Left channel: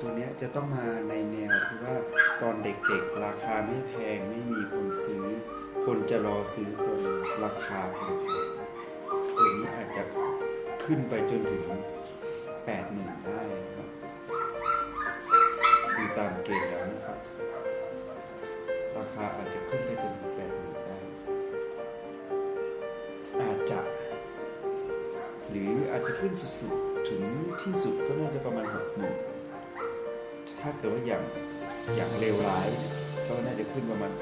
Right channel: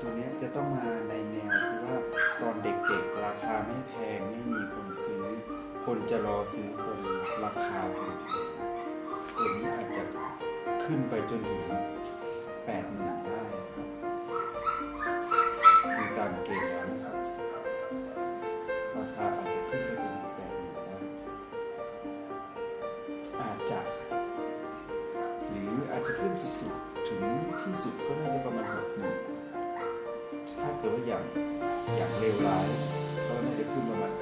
ตัวนี้จะต้องมาในแนวที่ว่าตอนเด็กๆ ราคาไม่แพงไม่มีคนซื้อ คนจะรอซื้อตอนราคาแพงตัวนี้อาจจะขึ้นไปจนถึงแปดหมื่นได้ครับดูตามเกณฑ์แล้วนะครับราคาอาจจะขึ้นไปจนถึงแปดหมื่นได้ อาจจะ หรืออาจจะขึ้นสุดๆ ถึงที่สุดก็น่าจะประมาณหกหมื่น ถ้าเกิดว่าอย่างอย่างเลวร้าย ก็น่าจะขึ้นประมาณ